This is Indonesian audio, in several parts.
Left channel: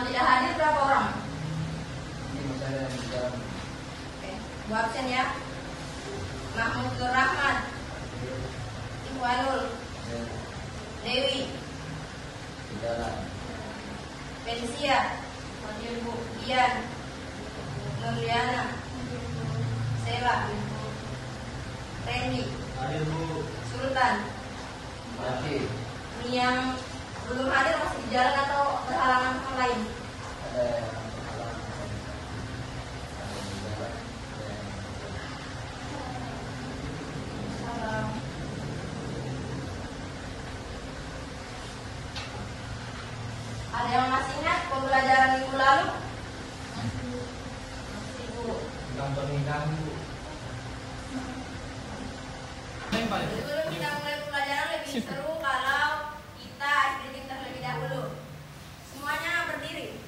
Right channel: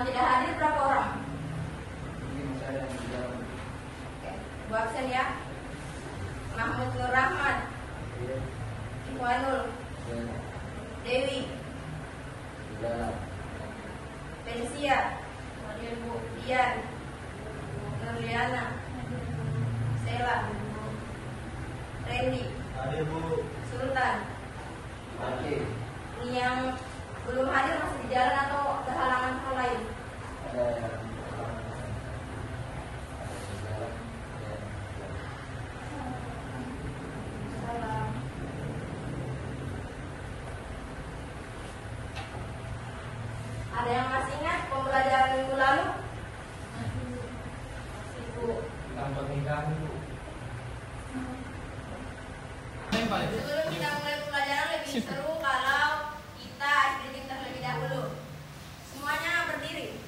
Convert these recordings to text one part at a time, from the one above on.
Yang tidak hadir berapa orang? Ini saya yang bilang. Oke, buat absen ya. Mahmud Rahmat, Ikhwanul, Dewi, Felicia, Ian, Nuriana, Sela, Randy, Sultan. Ini yang belum hadir masih di jalan atau berhalangan lain? Ada yang masih ingat pembelajaran minggu lalu? Sebelum kita mulai pembelajaran lebih seru kalau kita screening terlebih dahulu. Semuanya berdiri.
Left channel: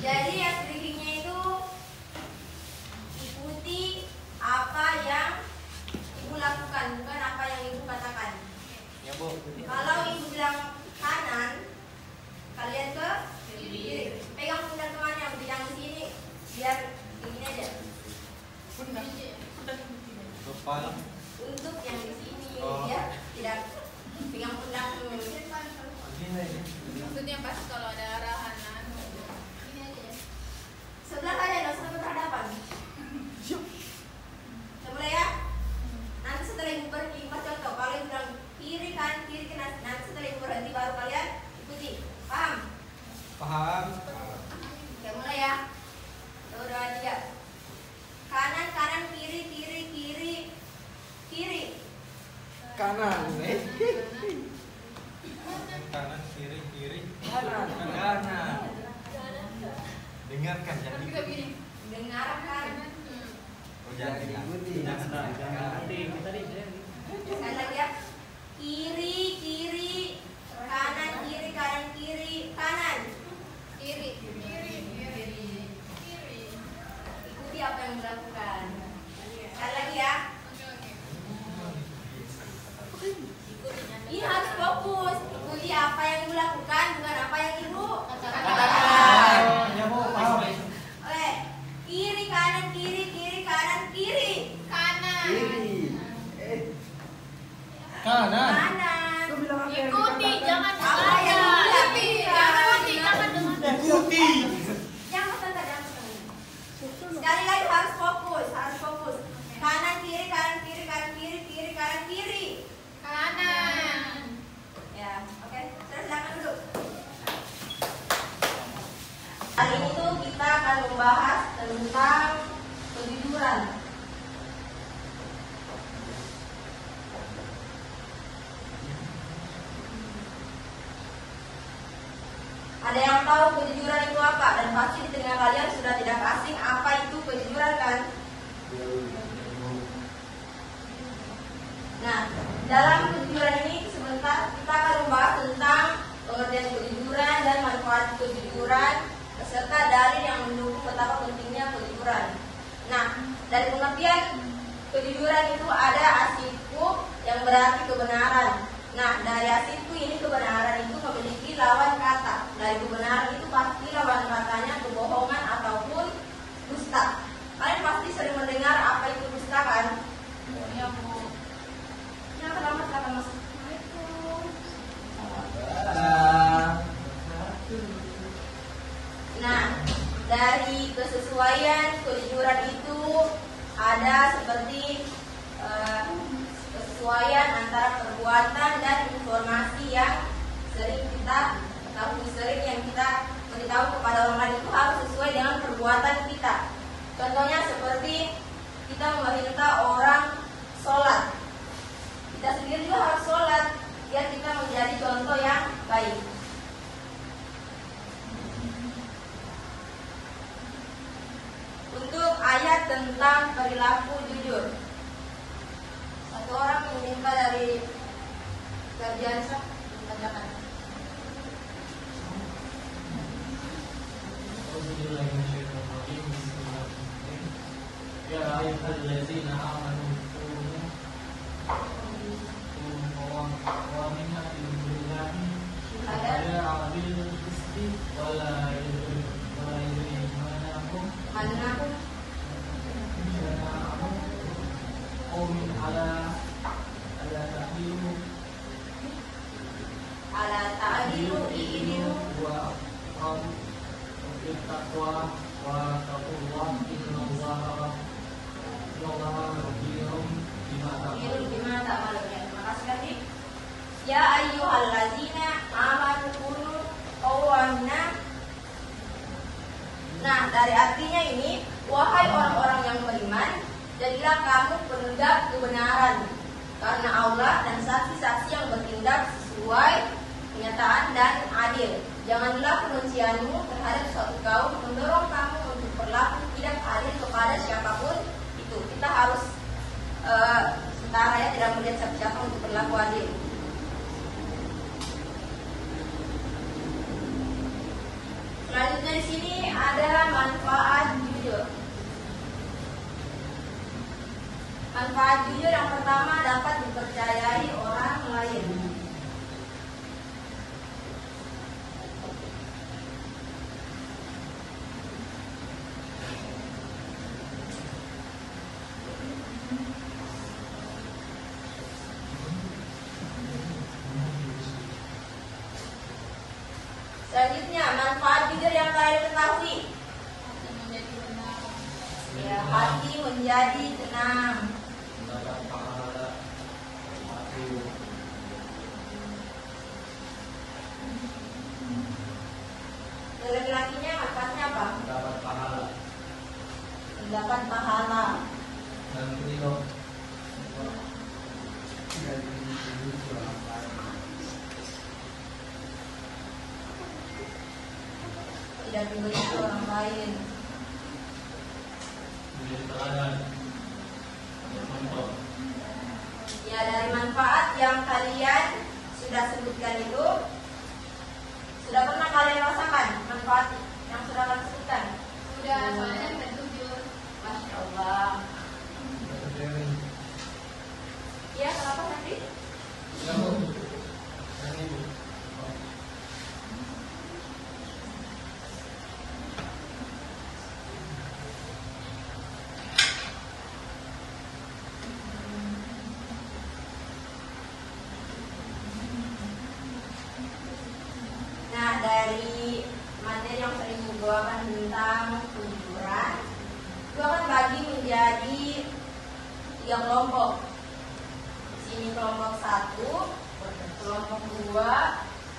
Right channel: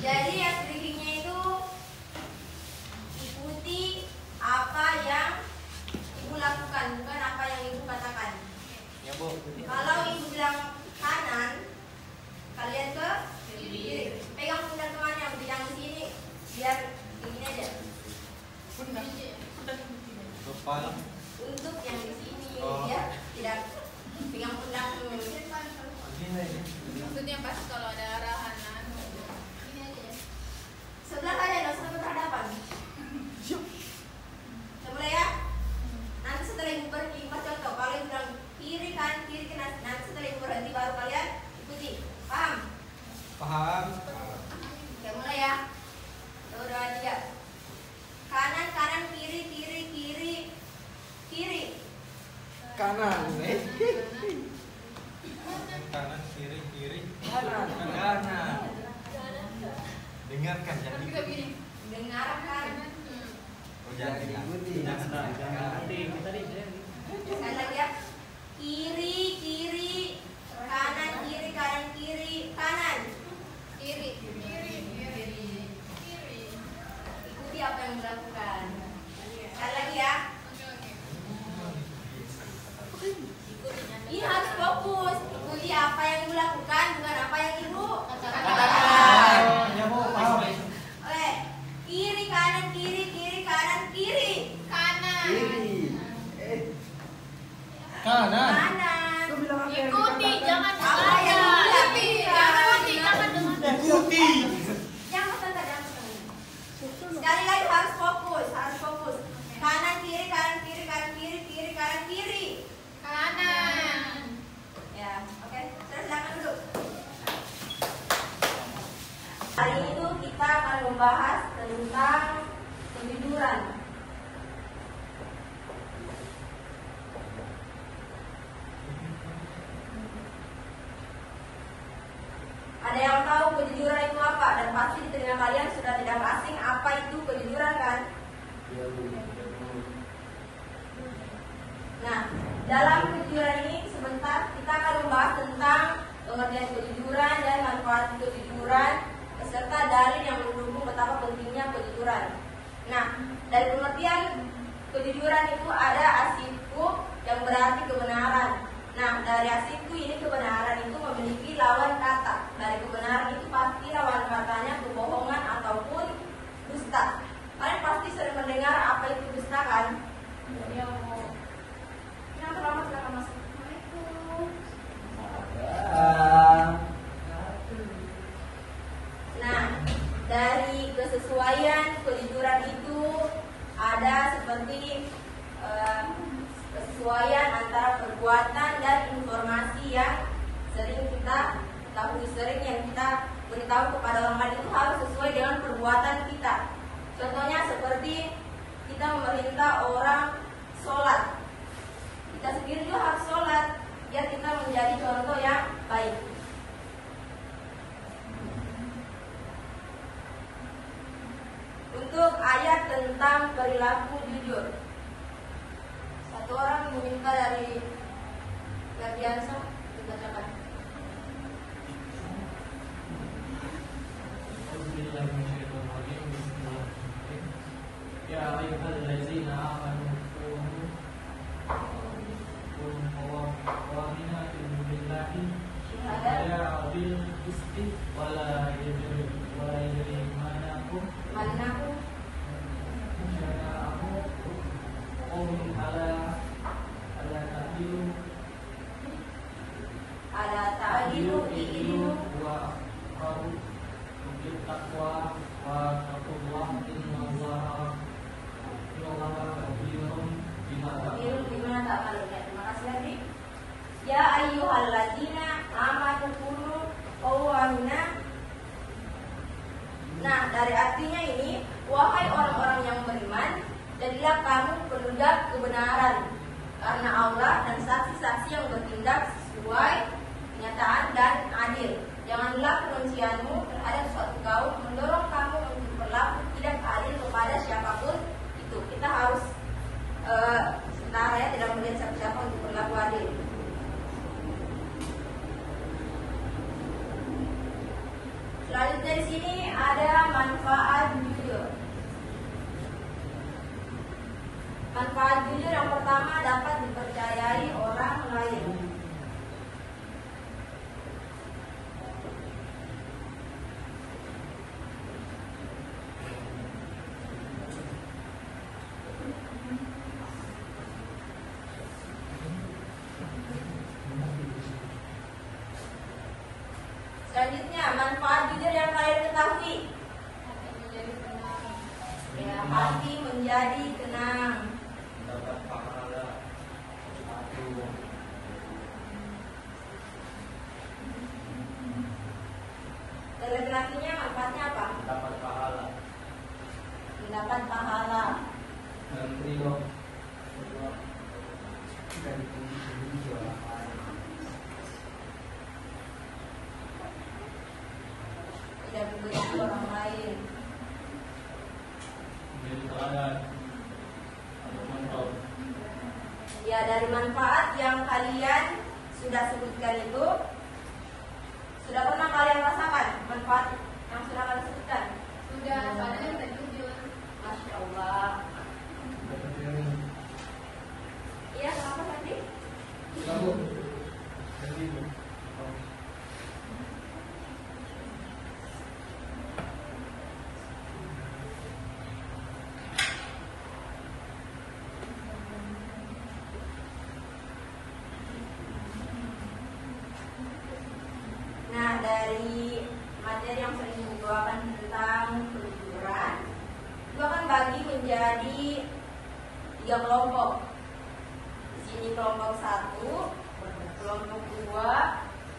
Jadi ya screeningnya itu ikuti apa yang ibu lakukan, bukan apa yang ibu katakan. Ya, Bu. Kalau ibu bilang kanan, kalian ke kiri. Pegang pundak temannya, jangan di sini, biar begini aja. Kepala. Untuk yang di sini, Oh. ya tidak pegang pundak dulu. Maksudnya pas kalau ada arahan ini aja ya. Sebelah aja, nggak usah berhadapan. Kita mulai ya. Nanti setelah ibu berhenti, pas contoh. Kalau ibu bilang kiri kanan, nanti setelah ibu berhenti baru kalian ikuti. Paham? Paham. Oke, mulai ya. 1, 2, 3. Kanan, kanan, kiri, kiri, kiri, kiri. Kanan, Kanan, kiri, kiri. Kanan. Kanan. Dengarkan, jangan Tapi kita ikuti. begini. Dengarkan. Oh, jangan Ikuti. Sekali lagi ya. Kiri, kiri, kanan, kiri, kanan, kiri, kanan. Kiri, kiri, kiri, kiri. Ikuti apa yang dilakukan. Sekali lagi ya. Oke. Ini harus fokus. Ikuti apa yang ibu lakukan, bukan apa yang ibu Katakan. Ya, Bu, paham. Oke. Kiri, kanan, kiri, kiri, kanan, kiri. Kanan. Kiri. Kanan. Kanan. Ikuti, jangan Apa yang dengarkan. ikuti? Ikuti, jangan dengarkan. Ikuti. Jangan tanda, jangan tanda. Sekali lagi harus fokus, harus fokus. Kanan, kiri, kanan, kiri, kanan, kiri, kiri, kanan, kiri. Kanan. Ya, oke. Terus silakan duduk. Kali itu kita akan membahas tentang kejujuran. Ada yang tahu kejujuran itu apa? Dan pasti di telinga kalian sudah tidak asing apa itu kejujuran kan? Nah, dalam kejujuran ini sebentar kita akan membahas tentang pengertian kejujuran dan manfaat kejujuran serta dalil yang mendukung betapa pentingnya kejujuran. Nah, dari pengertian kejujuran itu ada asinku yang berarti kebenaran. Nah, dari asinku ini kebenaran itu memiliki lawan kata. Dari kebenaran itu pasti lawan katanya kebohongan ataupun dusta. Kalian pasti sering mendengar apa itu dusta kan? Ya, Bu. Ya, kenapa? takwa wa taqullah innallaha khabirun bima ta'malun. Terima kasih Adik. Ya ayyuhalladzina amanu kunu qawwamina. Nah, dari artinya ini, wahai orang-orang yang beriman, jadilah kamu penegak kebenaran karena Allah dan saksi-saksi yang bertindak sesuai kenyataan dan adil. Janganlah kebencianmu terhadap suatu kaum mendorong kamu untuk berlaku tidak adil kepada siapapun itu. Kita harus setara ya, tidak melihat siapa-siapa untuk berlaku adil. Selanjutnya di sini ada manfaat jujur. Manfaat jujur yang pertama, dapat dipercayai orang lain. Selanjutnya, manfaat jujur yang kalian ketahui. Menjadi tenang. Ya, hati menjadi tenang. mendapat pahala aku Dan laki-lakinya manfaatnya apa? mendapat pahala Mendapat pahala. dan ridho Allah dan dipuji orang lain. Tidak dimiliki orang lain. Menjadi teladan untuk contoh. Ya, dari manfaat yang kalian sudah sebutkan itu, sudah pernah kalian rasakan manfaat yang sudah kalian sebutkan? Sudah, soalnya tertujuh. Masya Allah. Iya, kenapa tadi? Nah, dari materi yang sering dibawakan tentang kejujuran, itu akan bagi menjadi 3 kelompok. Di sini kelompok 1, kelompok 2,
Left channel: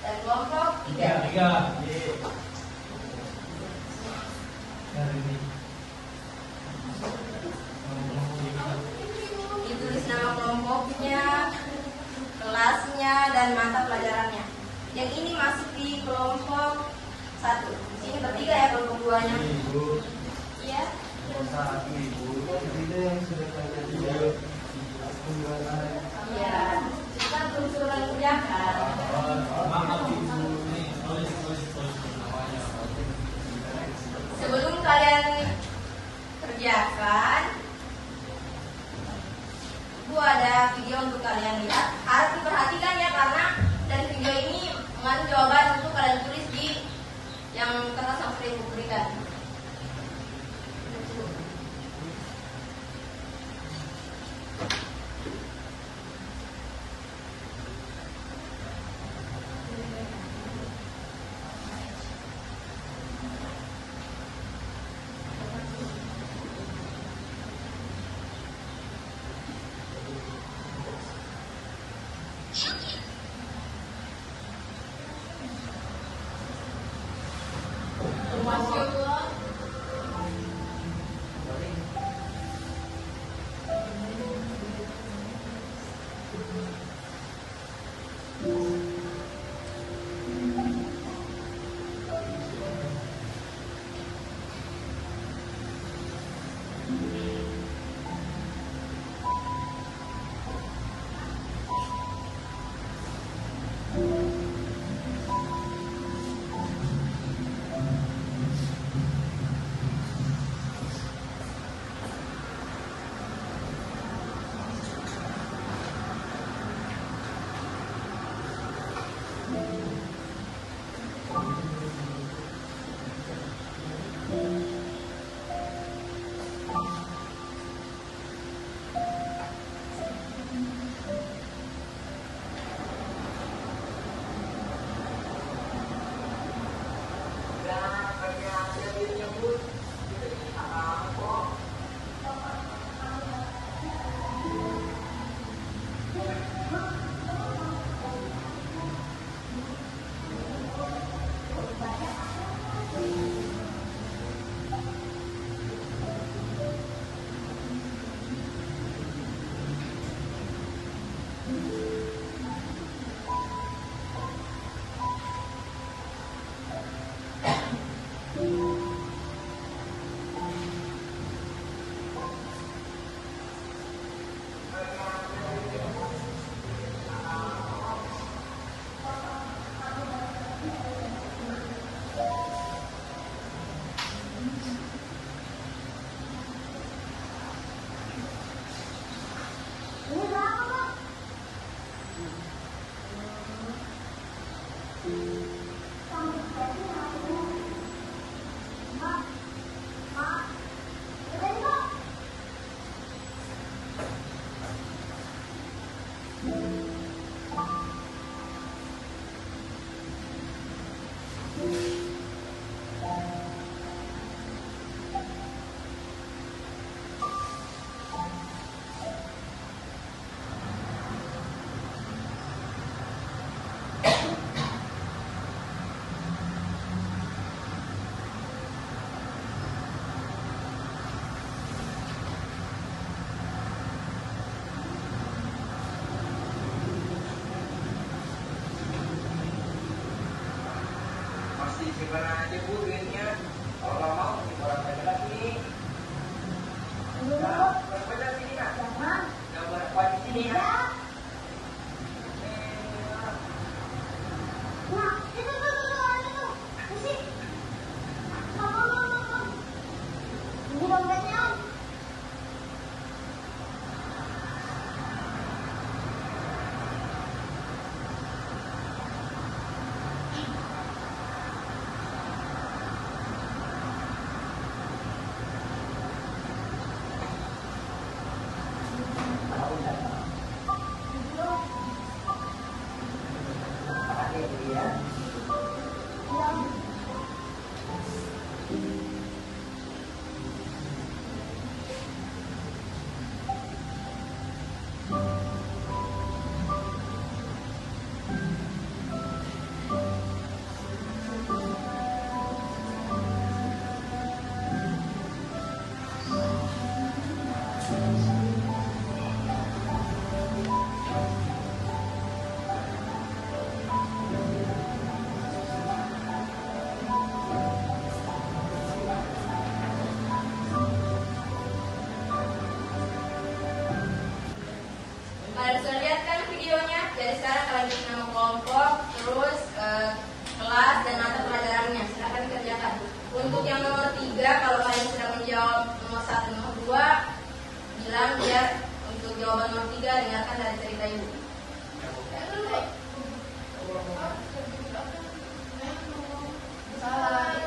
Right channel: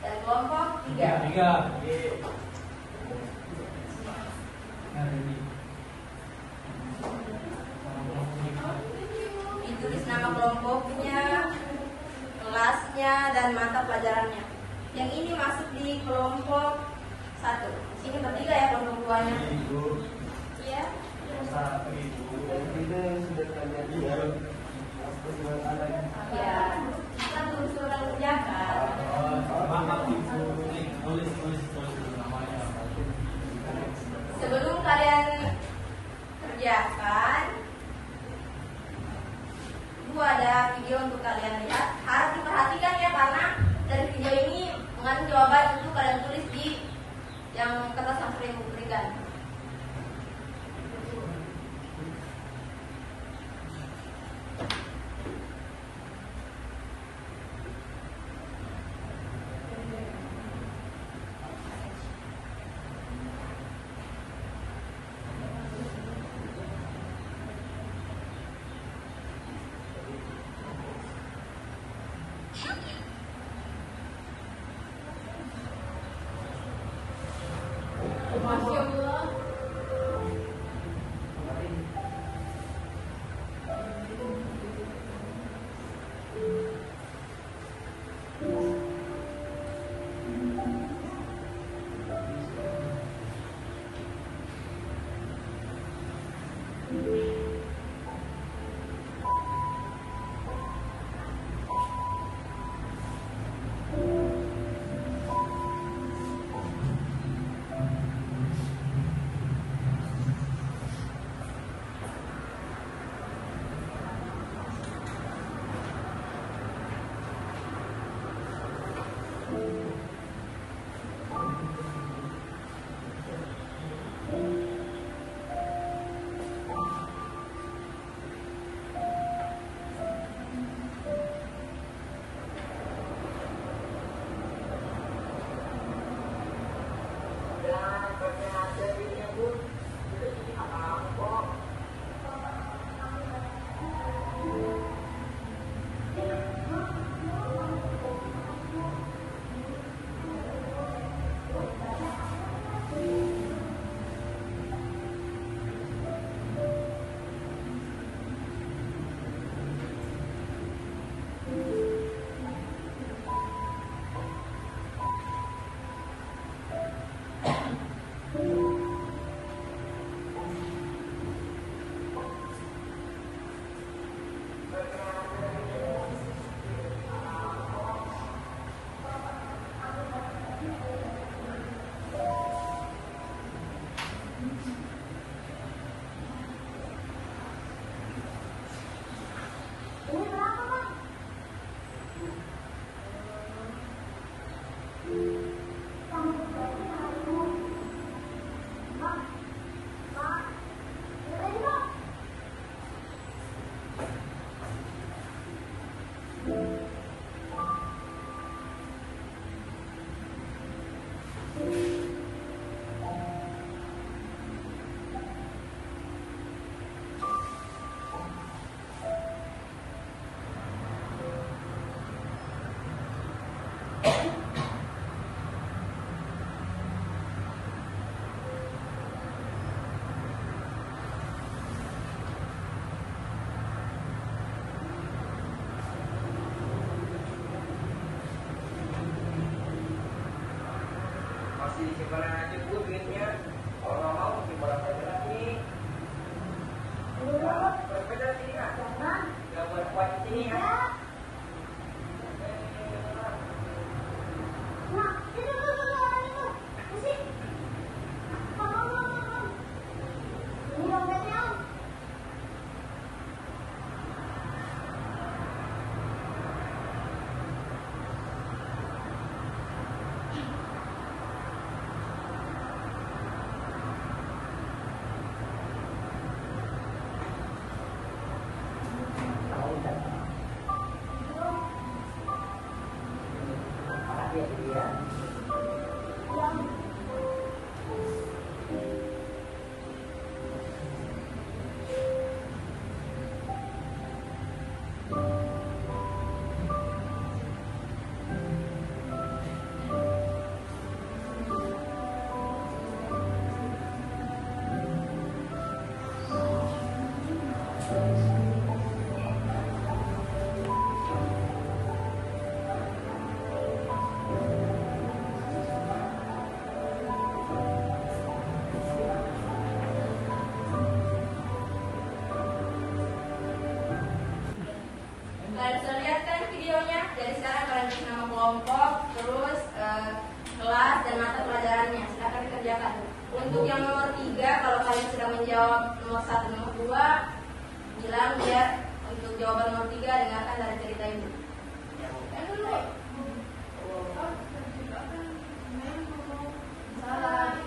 dan kelompok 3. Tiga. Hari ini. Ditulis nama kelompoknya, kelasnya, dan mata pelajarannya. Yang ini masuk di kelompok 1. Di sini bertiga ya kelompok 2-nya. Ibu, Iya. yang satu ibu, tiga yang sudah terjadi. Aku jualan. Iya. Kita belum sudah kuliah kan? Maaf ibu, ini tulis namanya. Sebelum kalian kerjakan, itu ada video untuk kalian lihat. Harus diperhatikan ya, karena dari video ini mengandung jawaban untuk kalian tulis di yang kertas yang sudah ibu berikan. Masya Allah. Gimana aja Bu duitnya? Kalau nggak mau dibawa aja sini. Berbeda sini ya. Nggak berkuat di sini ya. Kalian bisa lihat kan videonya. Dari sekarang kalian bikin nama kelompok, terus kelas dan mata pelajarannya. Silahkan dikerjakan. Untuk yang nomor 3, kalau kalian sudah menjawab nomor 1, nomor 2, bilang ya untuk jawaban nomor 3 dengarkan dari cerita ibu.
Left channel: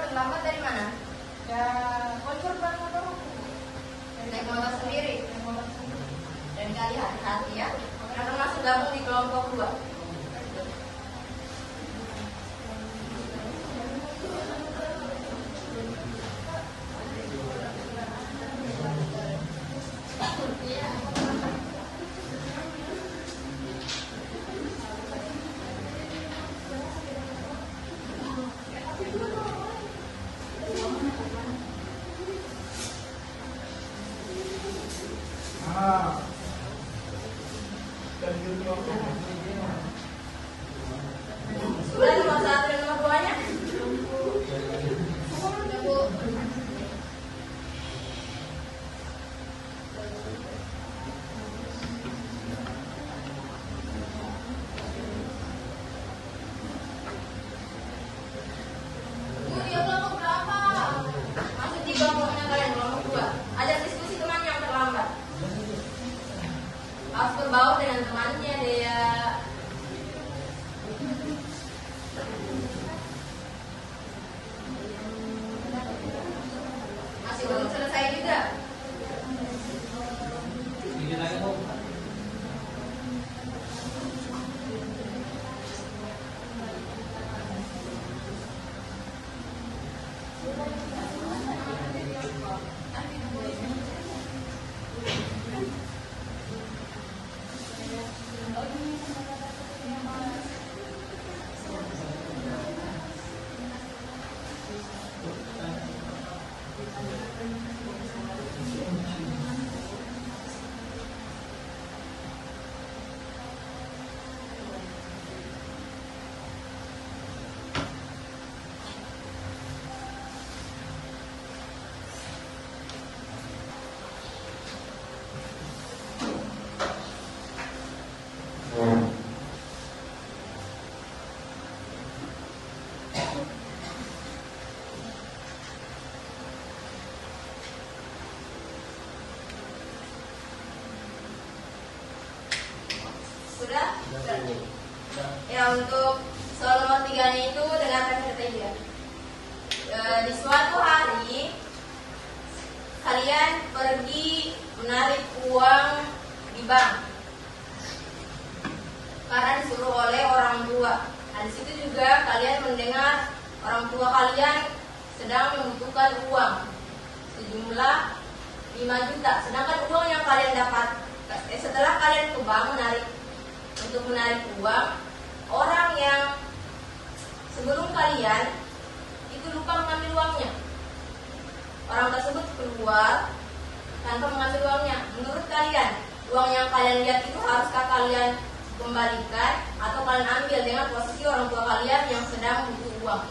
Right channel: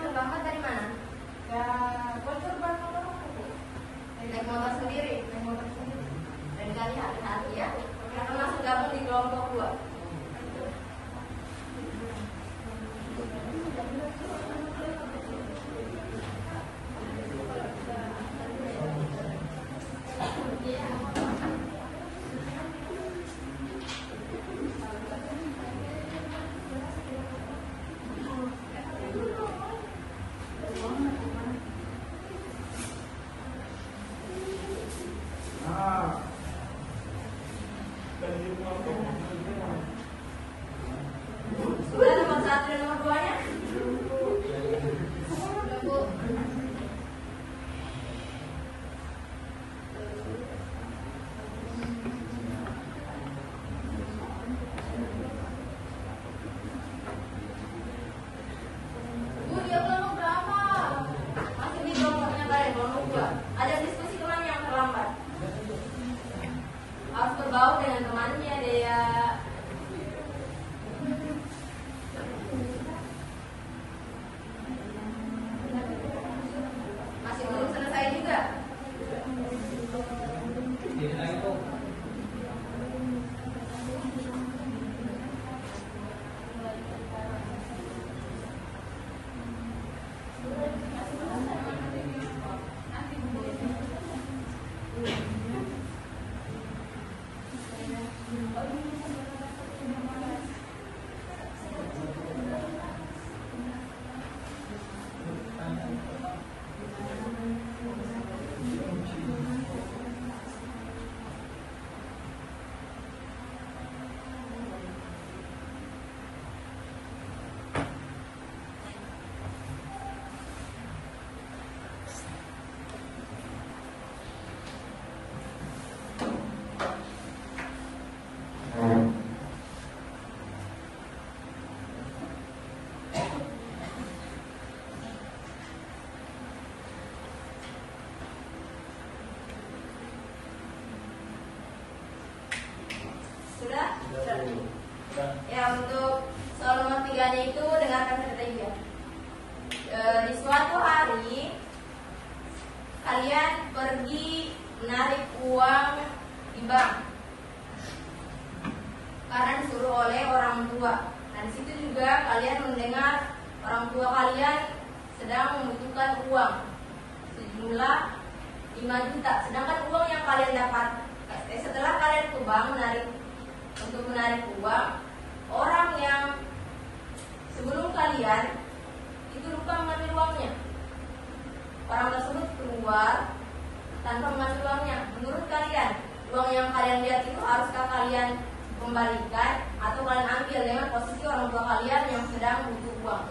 Terlambat dari mana? Ya, bocor banget dong. Naik motor sendiri. Dan kalian hati-hati ya. Karena masuk gabung di kelompok 2. Sudah nomor 1 dan nomor 2-nya? Ibu. Bu, dia kelompok berapa? Masuk di kelompoknya kalian, kelompok 2. Ada diskusi teman yang terlambat. Harus berbaur dengan temannya dia. Masih belum selesai juga. Sudah? Ya, untuk soal nomor 3-nya itu dengarkan cerita Di suatu hari kalian pergi menarik uang di bank karena disuruh oleh orang tua. Nah, di situ juga kalian mendengar orang tua kalian sedang membutuhkan uang sejumlah 5 juta. Sedangkan uang yang kalian dapat setelah kalian ke bank untuk menarik uang, orang yang sebelum kalian itu lupa mengambil uangnya. Orang tersebut keluar tanpa mengambil uangnya. Menurut kalian, uang yang kalian lihat itu haruskah kalian kembalikan atau kalian ambil dengan posisi orang tua kalian yang sedang membutuhkan uang?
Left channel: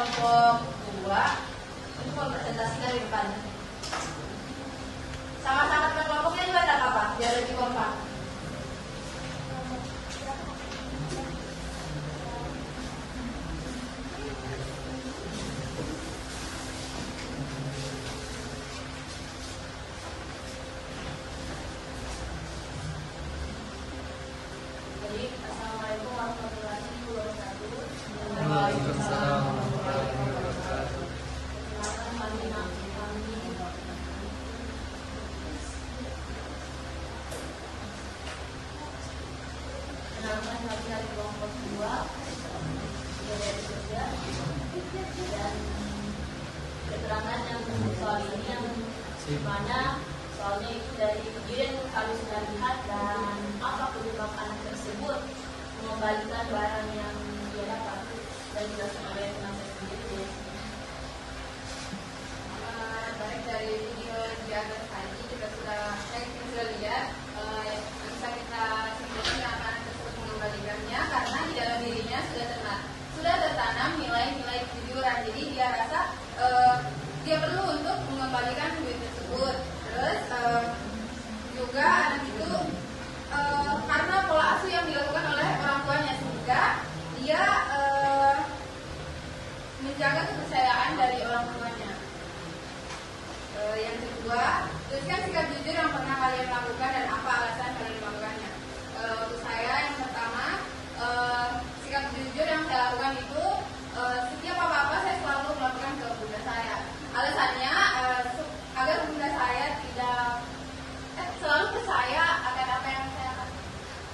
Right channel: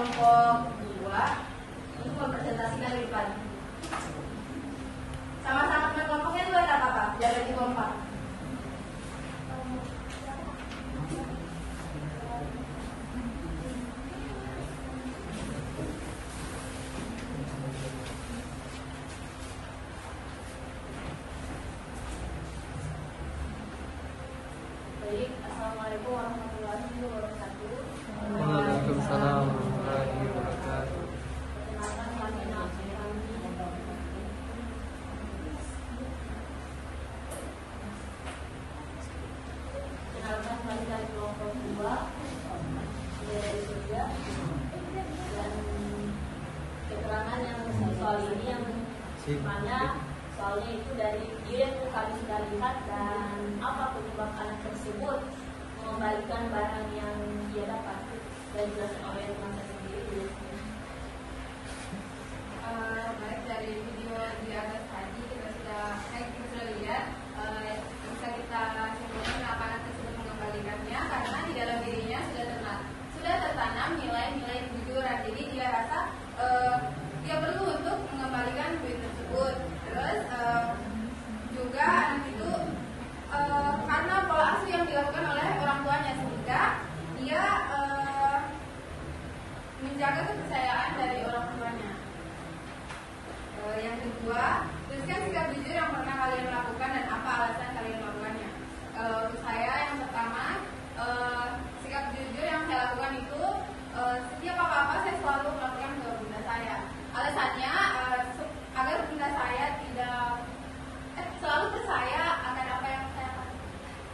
kelompok 2 itu konsentrasinya lebih padat. Sama-sama teman kelompoknya buat apa? Biar lebih kompak. Baik, assalamualaikum warahmatullahi wabarakatuh. Waalaikumsalam. Kenalkan kami dari kelompok 2 dan keterangan yang soal ini yang mana soalnya itu dari izin kami sudah lihat dan apa penyebab anak tersebut mengembalikan barang yang dia dapat dan juga oleh teman sendiri. Baik, dari video di atas tadi kita sudah lihat yang bisa kita simpulkan kenapa anak tersebut mengembalikannya karena di dalam dirinya sudah tertanam nilai-nilai kejujuran. Jadi dia rasa dia perlu untuk mengembalikan duit tersebut. Terus juga anak itu karena pola asuh yang dilakukan oleh orang tuanya sehingga dia menjaga kepercayaan dari orang tuanya. Yang kedua, tuliskan sikap jujur yang pernah kalian lakukan dan apa alasan kalian melakukannya. Untuk saya yang pertama, sikap jujur yang saya lakukan itu setiap apa-apa saya selalu melakukan ke bunda saya. Alasannya agar bunda saya tidak selalu percaya akan apa yang saya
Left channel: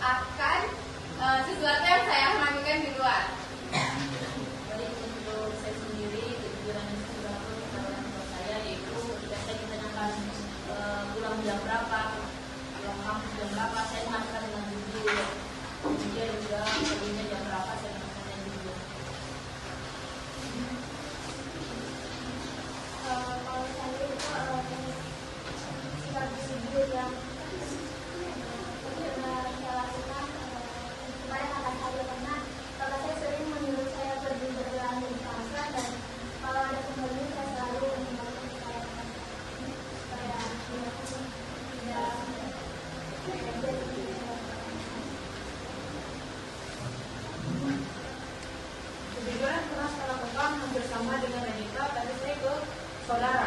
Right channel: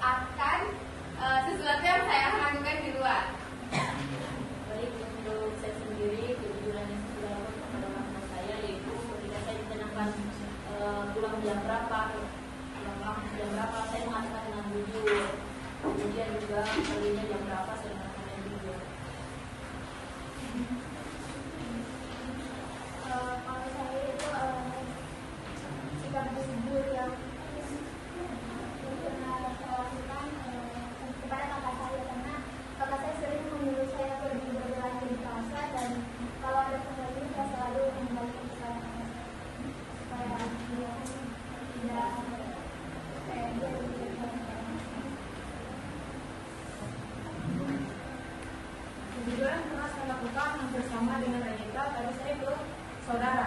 akan sesuatu yang saya lakukan di luar. Baik, untuk saya sendiri kejujuran yang sudah dilakukan saya yaitu ketika saya ditanyakan pulang jam berapa, saya mengatakan dengan jujur. Kemudian juga perginya jam berapa saya mengatakan jujur. Kejujuran pernah saya lakukan hampir sama dengan Renita, tapi saya ke saudara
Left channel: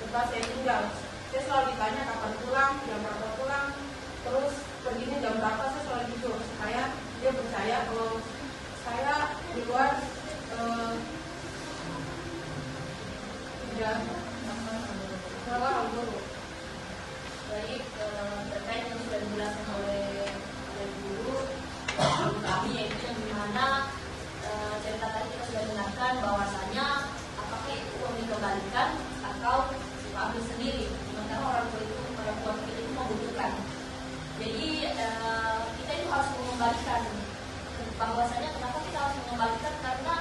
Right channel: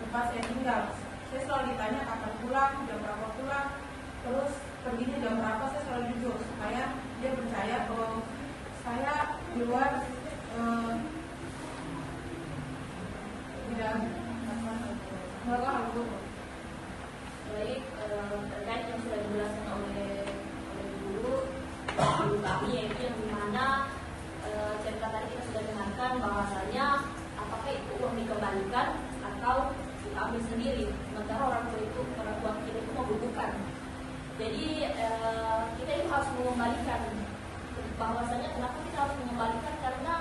tempat saya tinggal. Saya selalu ditanya kapan pulang, jam berapa pulang, terus perginya jam berapa. Saya selalu jujur supaya dia percaya kalau saya keluar udah semoga aku. Baik, terkait yang sudah dijelaskan oleh guru kami yaitu yang dimana cerita tadi kita sudah dengarkan bahwasanya apakah itu uang dikembalikan atau diambil sendiri. Sementara orang tua kita itu membutuhkan. Jadi kita itu harus mengembalikan. Bahwasanya kenapa kita harus mengembalikan karena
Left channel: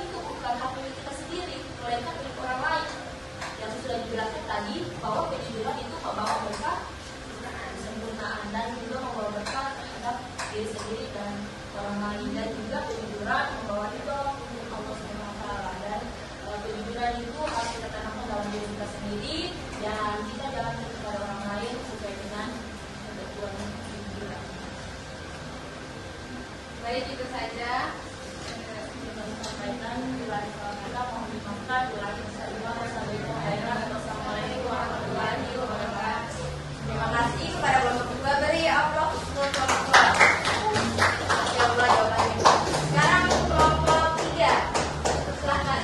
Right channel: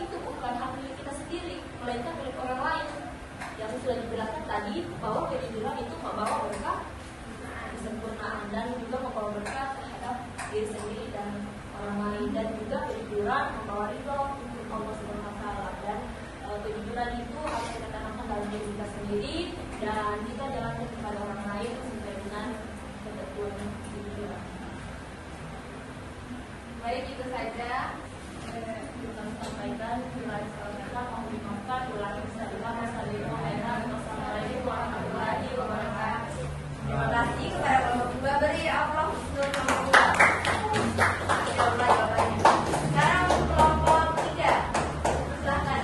itu bukan hak milik kita sendiri, melainkan milik orang lain. Yang sudah dijelaskan tadi bahwa kejujuran itu membawa berkah kesempurnaan dan juga membawa berkah terhadap diri sendiri dan orang lain, dan juga kejujuran membawa ridho untuk Allah Subhanahu wa Ta'ala. Dan kejujuran itu harus kita tanamkan dalam diri kita sendiri dan kita jalankan kepada orang lain sesuai dengan ketentuan kejujuran. Baik, itu saja. Kami sampaikan kepada kita mohon dimaafkan kurang Wassalamualaikum warahmatullahi wabarakatuh. Terima kasih kepada kelompok 2. Beri Allah kelompok 2. Sekarang kelompok 3. Silakan.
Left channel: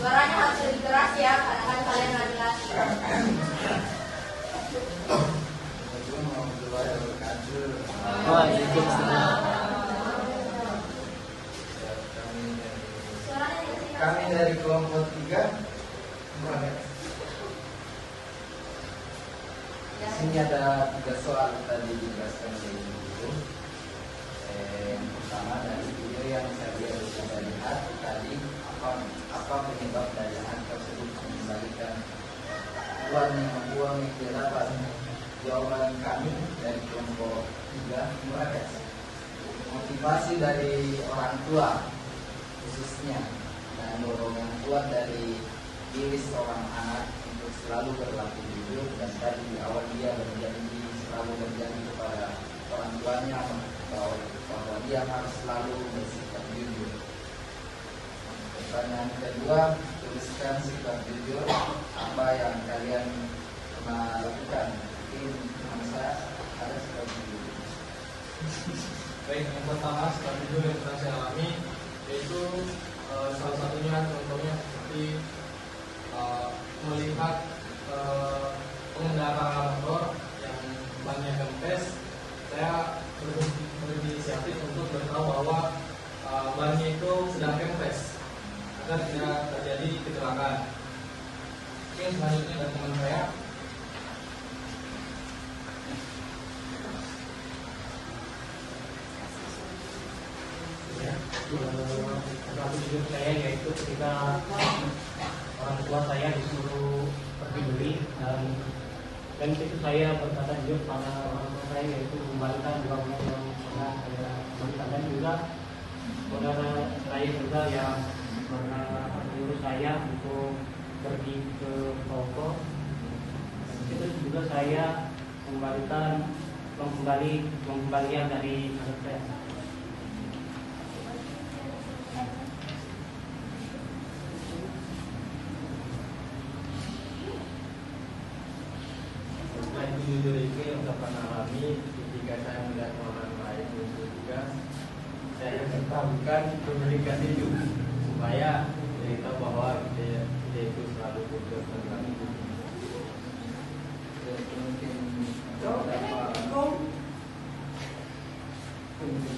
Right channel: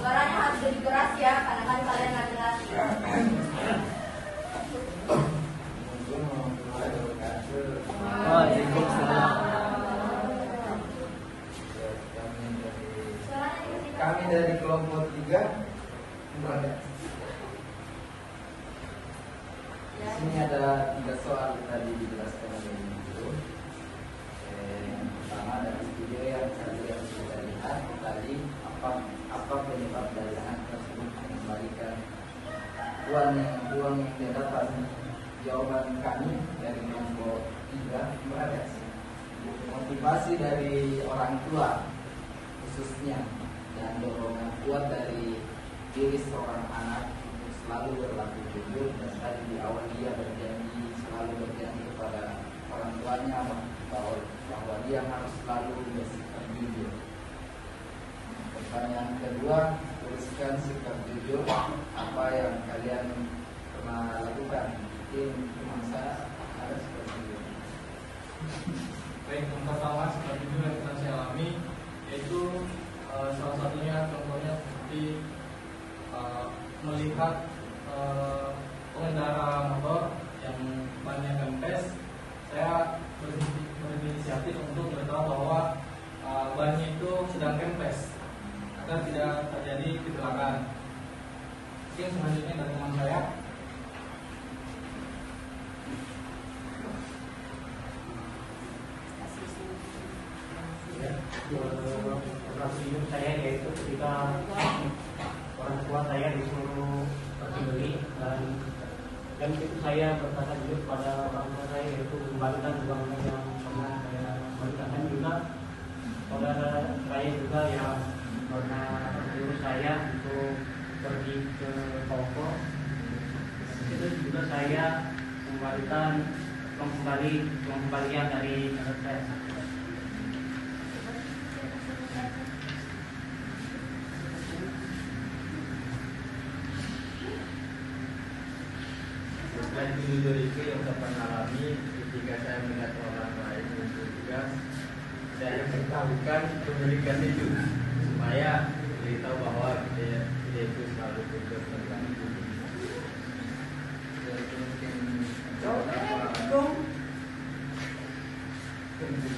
Suaranya harus lebih keras ya, karena kan kalian laki-laki. Kami dari kelompok 3 Sini ada 3 soal tadi dijelaskan dari guru. Yang pertama dari video yang saya lihat tadi apa penyebab dari anak tersebut mengembalikan uang yang dia dapat. Jawaban kami dari kelompok 3 gimana? motivasi dari orang tua khususnya dan dorongan kuat dari diri seorang anak untuk selalu berlaku jujur, dan tadi di awal dia berjanji selalu berjanji kepada orang tuanya bahwa dia harus selalu bersikap jujur. Pertanyaan kedua, tuliskan sikap jujur apa yang kalian pernah lakukan. Mungkin saya harus seperti itu. Baik, yang pertama sikap jujur yang pernah saya alami yaitu salah satunya contohnya seperti melihat pengendara motor yang bannya kempes, saya berinisiatif untuk beritahu bahwa bannya itu sedang kempes agar tidak terjadi kecelakaan. Oke, selanjutnya dari teman saya. Hidup saya yaitu ketika orang tua saya disuruh pergi beli, dan itu saya berkata jujur pada orang tua saya, yaitu kembalikan uangnya yang pernah saya berikan. Dan juga saudara saya juga yang pernah menyuruh saya untuk pergi ke toko, itu juga saya kembalikan pengembalian dari anak saya. Selain jujur itu yang saya pernah alami ketika saya melihat orang lain itu juga saya bertahukan pemilikan itu supaya beritahu bahwa dia itu selalu jujur tentang itu.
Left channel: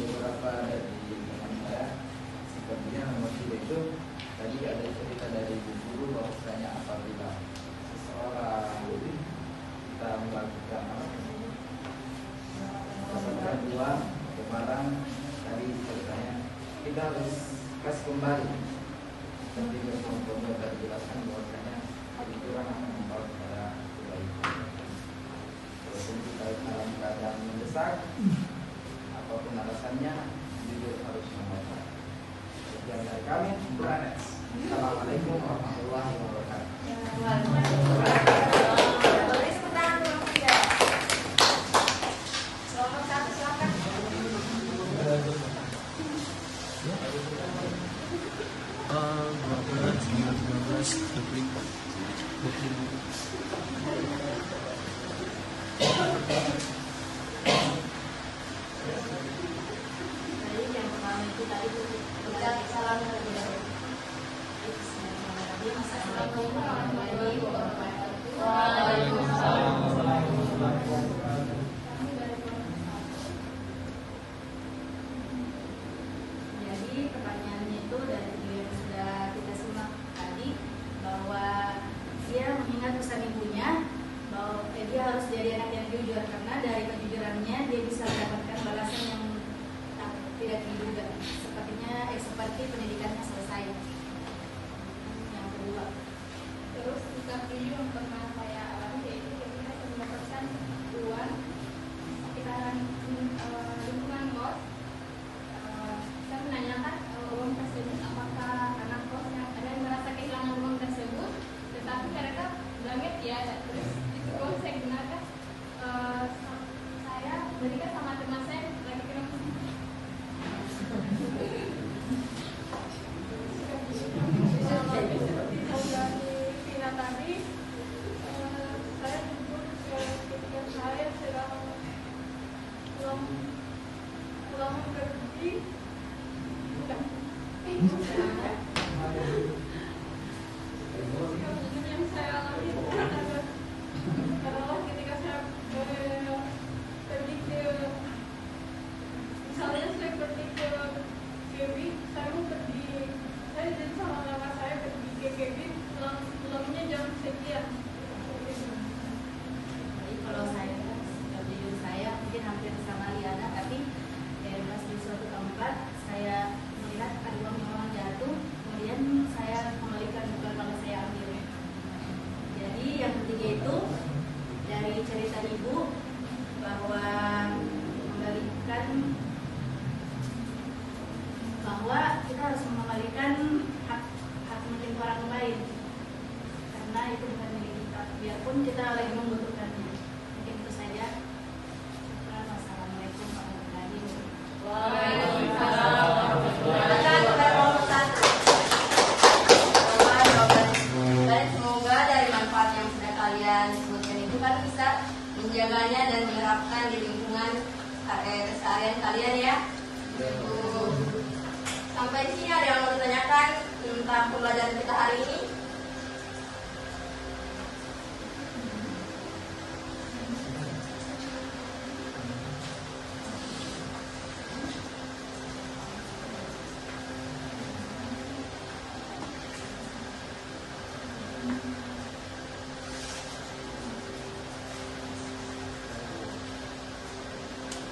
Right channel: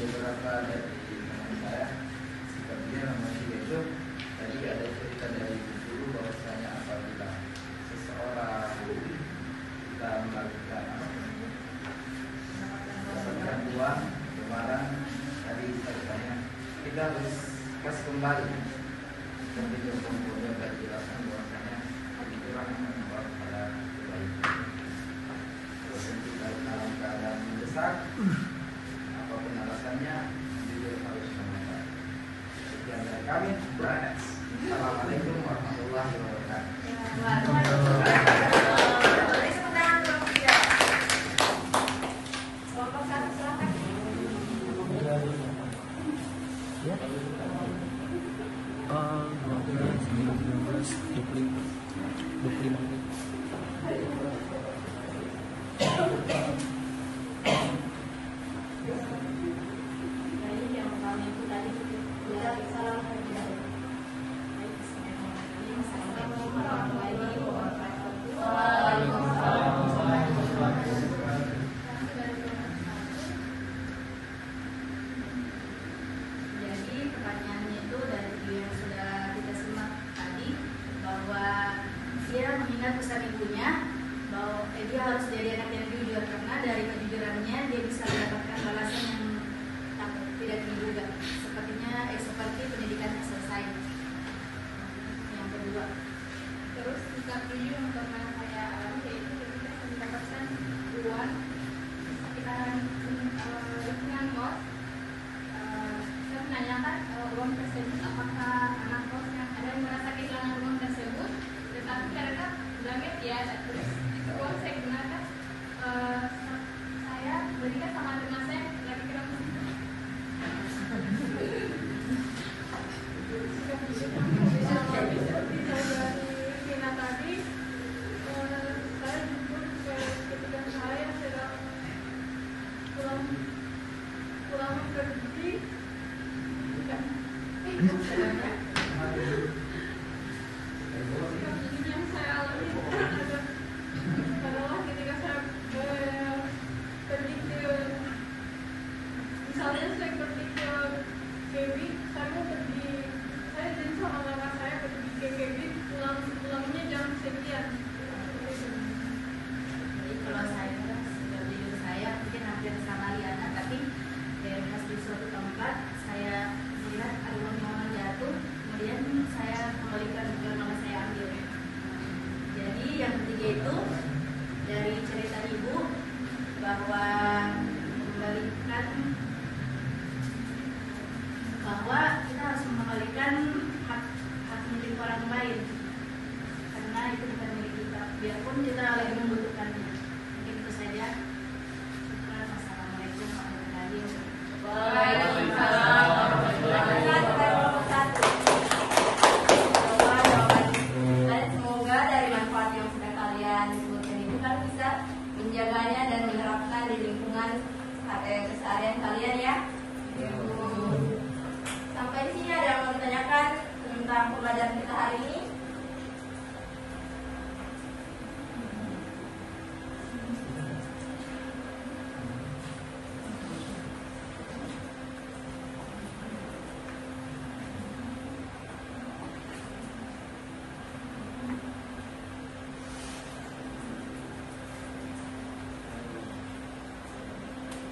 Beberapa dari teman saya sepertinya nomor 3 itu tadi ada cerita dari guru bahwasanya apabila seseorang kita melakukan mendapatkan uang atau barang dari ceritanya, kita harus kasih kembali. Seperti itu contohnya tadi jelaskan bahwasanya kejujuran akan membawa kepada kebaikan. Terus kita dalam keadaan mendesak, apapun alasannya, jujur harus membawa. Sekian dari kami, Branes. Assalamualaikum warahmatullahi wabarakatuh. Tadi yang pertama itu tadi kita salam terlebih dahulu. Assalamualaikum warahmatullahi wabarakatuh. Jadi pertanyaannya itu dari video yang sudah kita simak tadi, bahwa dia mengingat pesan ibunya bahwa dia harus jadi anak yang jujur, karena dari kejujurannya dia bisa mendapatkan balasan yang tidak diduga. Seperti pendidikannya selesai. Yang kedua, Terus sikap jujur yang pernah saya alami yaitu ketika saya mendapatkan uang sekitaran lingkungan kos. Saya menanyakan uang tersebut apakah anak kos yang ada yang merasa kehilangan uang tersebut, tetapi mereka bilangnya tiada. Terus itu uang saya gunakan, saya berikan sama teman saya lagi kira sikap mengembalikan hak milik orang lain, karena itu bukan milik kita, biarpun kita lagi membutuhkannya. Mungkin itu saja. Wassalamualaikum warahmatullahi wabarakatuh. Waalaikumsalam warahmatullahi wabarakatuh. Dan semoga dari manfaat yang sudah kalian sebutkan itu kan bisa menjaganya dan menerapkan di lingkungan keseharian kalian ya. Sampai sini ada yang mau ditanyakan tentang pembelajaran kita hari ini?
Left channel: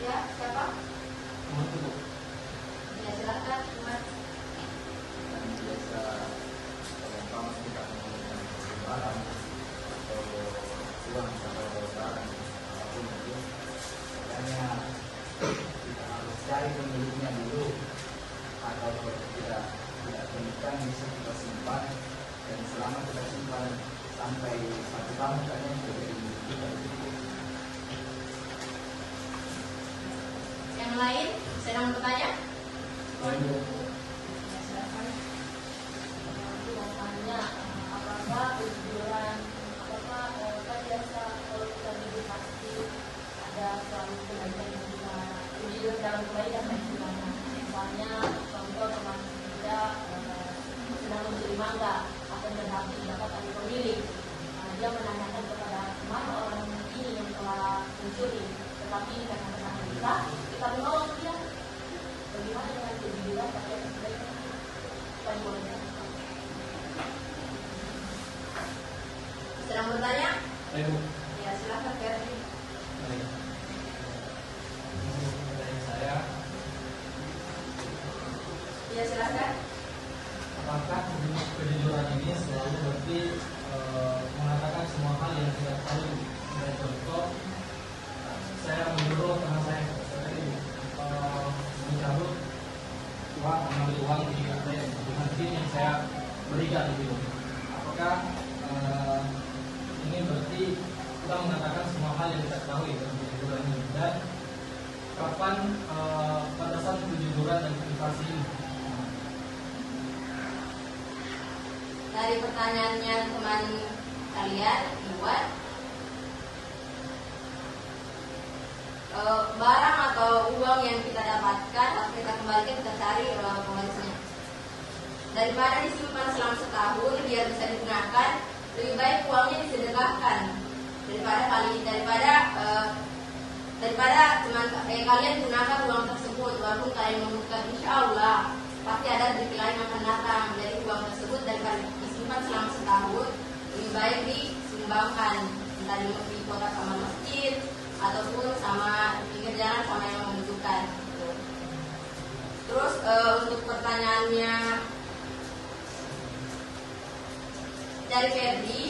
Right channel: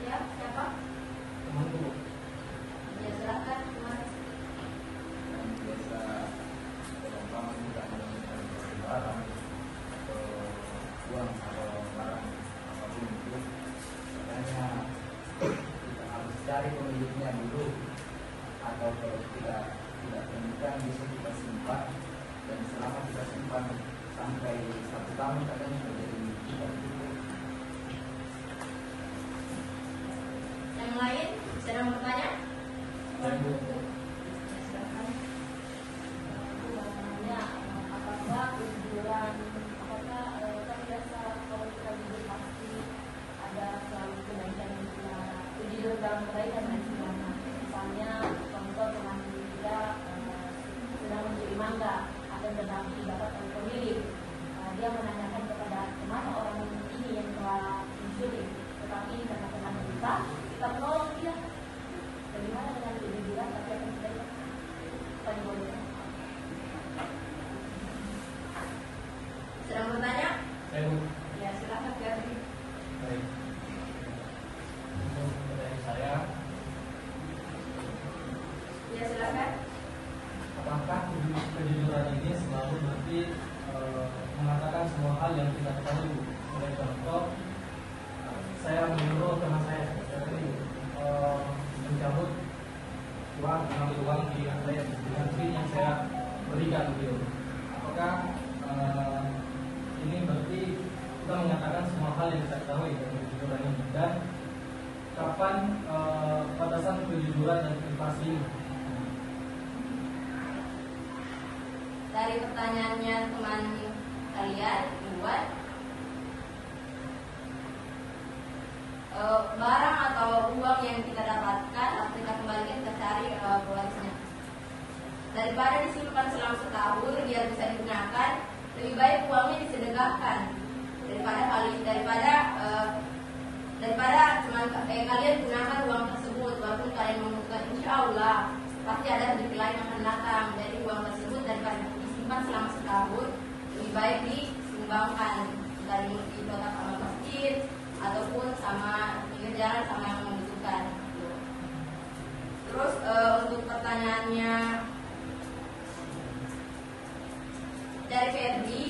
Ya, siapa? Ya, silakan. Tuan. bisa gampang tentang barang atau uang atau barang apapun itu, makanya kita harus cari pemiliknya dulu, atau tidak temukan bisa kita simpan, dan selama kita simpan sampai 1 tahun katanya sudah dimiliki. Yang lain sedang bertanya? Dan Apakah tujuan jasa pasti ada selalu tujuan dalam kebaikan dan sebagainya. Misalnya contoh termasuk kita sedang mencuri mangga atau berbagi dapat dari pemilik, dia menanyakan kepada kemana orang ini yang telah mencuri, tetapi karena teman kita menolong dia. Bagaimana dengan tujuan pakai kebaikan? Sedang bertanya? Ya, silakan Ferdi. Baik. Untuk pertanyaan saya, Ya, silakan. apakah kejujuran ini selalu berarti mengatakan semua hal yang kita tahu? Sebagai contoh, saya menyuruh teman saya itu mencabut uang, mengambil uang di mesin yang saya berikan gitu. Apakah ini berarti kita mengatakan semua hal yang kita ketahui dalam kejujuran ini, dan kapan batasan kejujuran dan privasi ini? Dari pertanyaannya teman kalian, Iwan, barang atau uang yang kita dapatkan atau kita kembalikan kita cari penggantinya. Daripada disimpan selama setahun biar bisa digunakan, lebih baik uangnya disedekahkan daripada cuma kalian gunakan uang tersebut walaupun kalian mengumpulkan, insya Allah pasti ada rezeki lain yang akan datang dari uang tersebut. Daripada disimpan selama setahun, lebih baik disumbangkan, entah di kota sama masjid ataupun sama pinggir jalan sama yang membutuhkan. Terus untuk pertanyaannya dari Ferdi,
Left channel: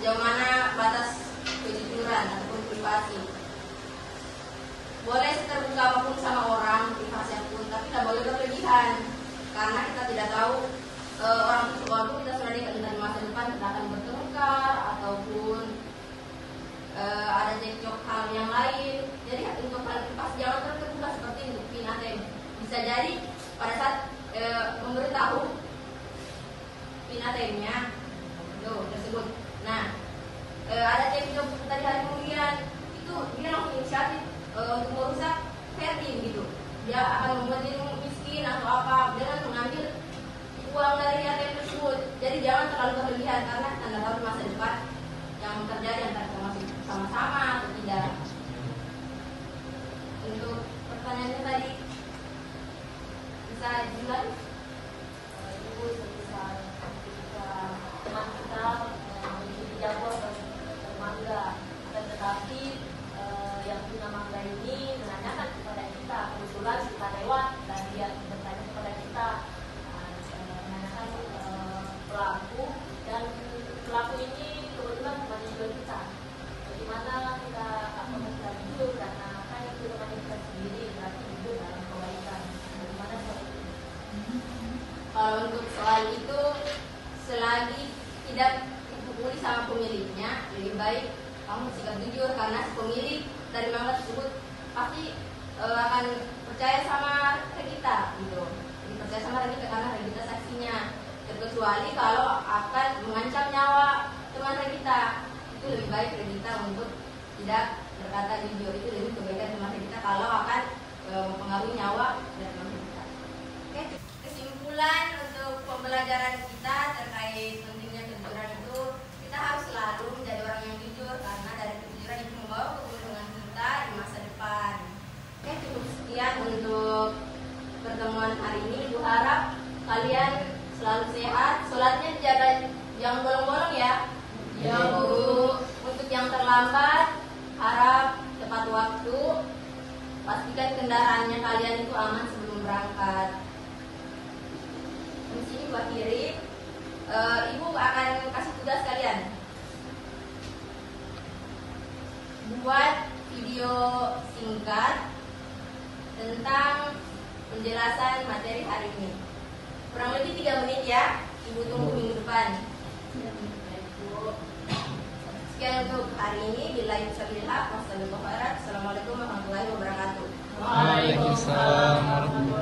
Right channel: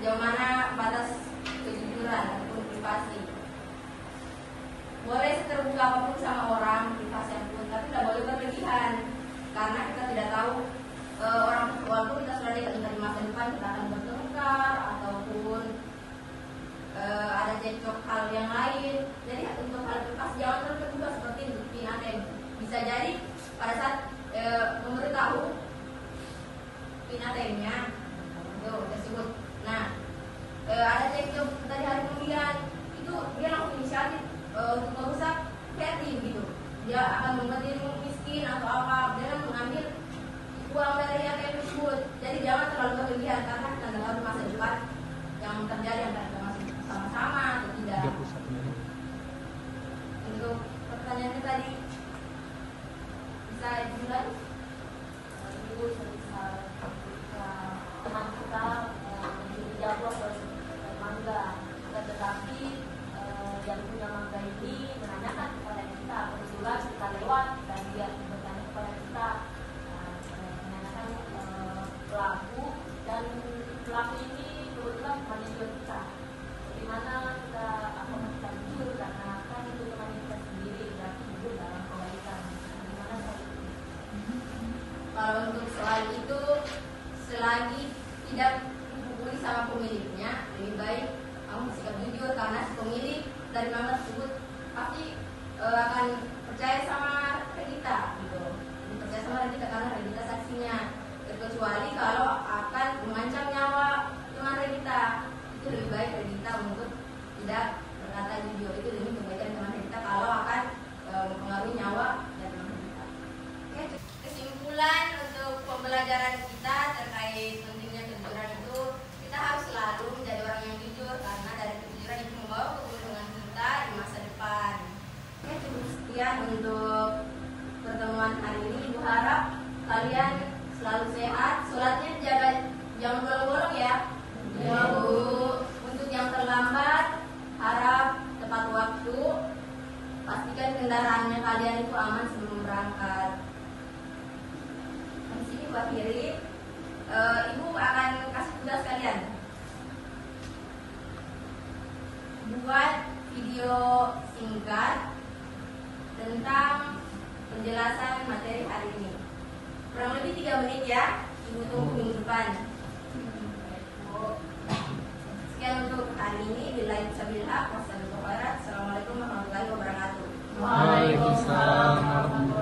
sejauh mana batas kejujuran ataupun privasi? Boleh terbuka apapun sama orang, privasi apapun, tapi tidak boleh berlebihan, karena kita tidak tahu orang walaupun kita sudah lihat dari masa depan kita akan bertengkar ataupun ada cekcok hal yang lain. Jadi untuk hal privasi jangan terbuka seperti bukti ATM. Bisa jadi pada saat memberitahu PIN ATM-nya tersebut. Nah, ada cekcok tadi hari kemudian itu dia langsung inisiatif untuk merusak Ferdi gitu. Dia akan membuat miskin atau apa dengan mengambil uang dari ATM tersebut. Jadi jangan terlalu berlebihan karena anda tahu masa depan yang terjadi antara kita masih sama-sama atau tidak. Untuk pertanyaannya tadi bisa dimulai. Ibu bisa teman kita dijawab mangga, tetapi yang punya mangga ini menanyakan kepada kita, kebetulan kita lewat dan dia bertanya kepada kita, menanyakan pelaku, dan pelaku ini kebetulan mahasiswa kita. Bagaimana kita kecuali itu selagi tidak dipukuli sama pemiliknya, lebih baik kamu sikap jujur karena si pemilik dari memang tersebut pasti akan percaya sama kita gitu. Jadi percaya sama kita karena kita saksinya. Terkecuali kalau akan mengancam nyawa teman kita, itu lebih baik kita untuk tidak berkata jujur. Itu lebih kebaikan teman kita kalau akan mempengaruhi nyawa dan teman kita. Oke, kesimpulan untuk pembelajaran kita terkait pentingnya kejujuran itu, kita harus selalu menjadi orang yang jujur karena dari kejujuran itu membawa keuntungan kita di masa depan. Oke, cukup sekian untuk pertemuan hari ini. Ibu harap kalian selalu sehat, sholatnya dijaga, jangan bolong-bolong ya. Ya Bu. Untuk yang terlambat, harap tepat waktu. Pastikan kendaraannya kalian itu aman sebelum berangkat. Di sini Bu akhiri. Ibu akan kasih tugas kalian. Buat video singkat tentang penjelasan materi hari ini. Kurang lebih 3 menit ya. Ibu tunggu minggu depan. Sekian untuk hari ini. Billahi taufiq. Wassalamualaikum warahmatullahi wabarakatuh. Waalaikumsalam warahmatullahi wabarakatuh.